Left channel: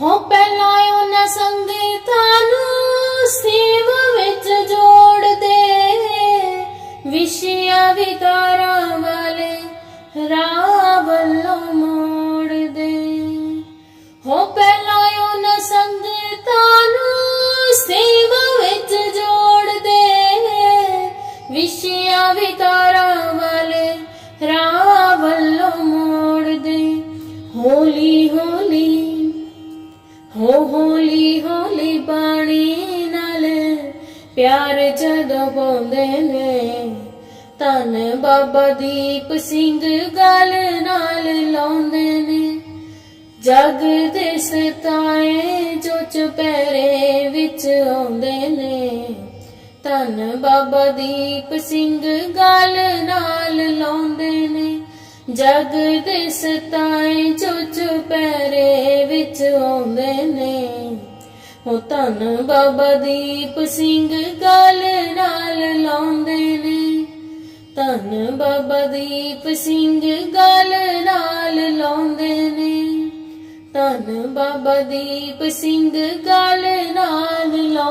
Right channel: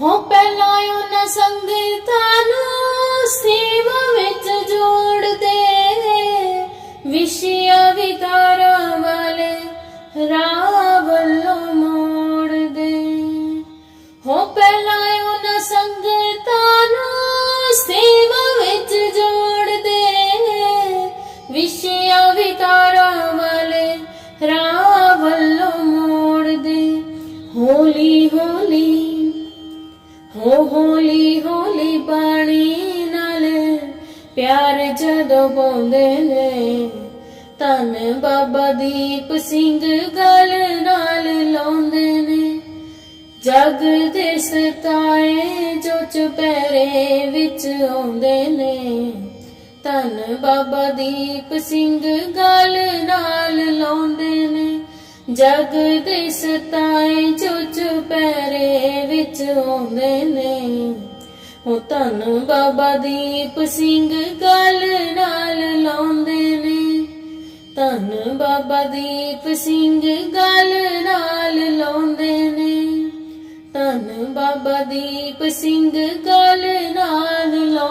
ਹੋ ਪਹਿਲਾਂ ਉਹਨਾਂ ਸੰਗਤਾਂ ਨੂੰ ਸੇਵਾ ਵਿੱਚ ਜੋੜਦੇ ਵਿਸ਼ਿਆ ਵਿਕਾਰਾਂ ਵਾਲੇ ਰਾਹ ਵੱਲੋਂ ਮੋੜਦੇ। ਹੋ ਪਹਿਲਾਂ ਉਹਨਾਂ ਸੰਗਤਾਂ ਨੂੰ ਸੇਵਾ ਵਿੱਚ ਜੋੜਦੇ ਵਿਸ਼ਿਆ ਵਿਕਾਰਾਂ ਵਾਲੇ ਰਾਹ ਵੱਲੋਂ ਮੋੜਦੇ। ਹੌਲੀ ਹੌਲੀ ਹੋ ਹੌਲੀ ਹੌਲੀ ਬਾਣੀ ਨਾਲ ਪਿਆਰ ਜਦੋਂ ਪਾਉਂਦੇ ਨੇ, ਧੰਨ ਬਾਬਾ ਦੀਪ ਸਿੰਘ ਗਲ ਨਾਲ ਲਾਉਂਦੇ ਨੇ। ਜਗ ਦੇ ਸਤਾਏ ਜੋ ਚੁਪਹਿਰੇ ਵਿੱਚ ਆਉਂਦੇ ਨੇ, ਧੰਨ ਬਾਬਾ ਦੀਪ ਸਿੰਘ ਗਲ ਨਾਲ ਲਾਉਂਦੇ ਨੇ। ਜਗ ਦੇ ਸਤਾਏ ਜੋ ਚੁਪਹਿਰੇ ਵਿੱਚ ਆਉਂਦੇ ਨੇ। ਹੋ ਧੰਨ ਬਾਬਾ ਦੀਪ ਸਿੰਘ ਗੱਲ ਨਾਲ ਲਾਉਂਦੇ ਨੇ। ਧੰਨ ਬਾਬਾ ਦੀਪ ਸਿੰਘ ਗੱਲ ਨਾਲ ਲਾਉਂਦੇ ਨੇ। ਧੰਨ ਬਾਬਾ ਦੀਪ ਸਿੰਘ ਗੱਲ ਨਾਲ ਲਾਉਂਦੇ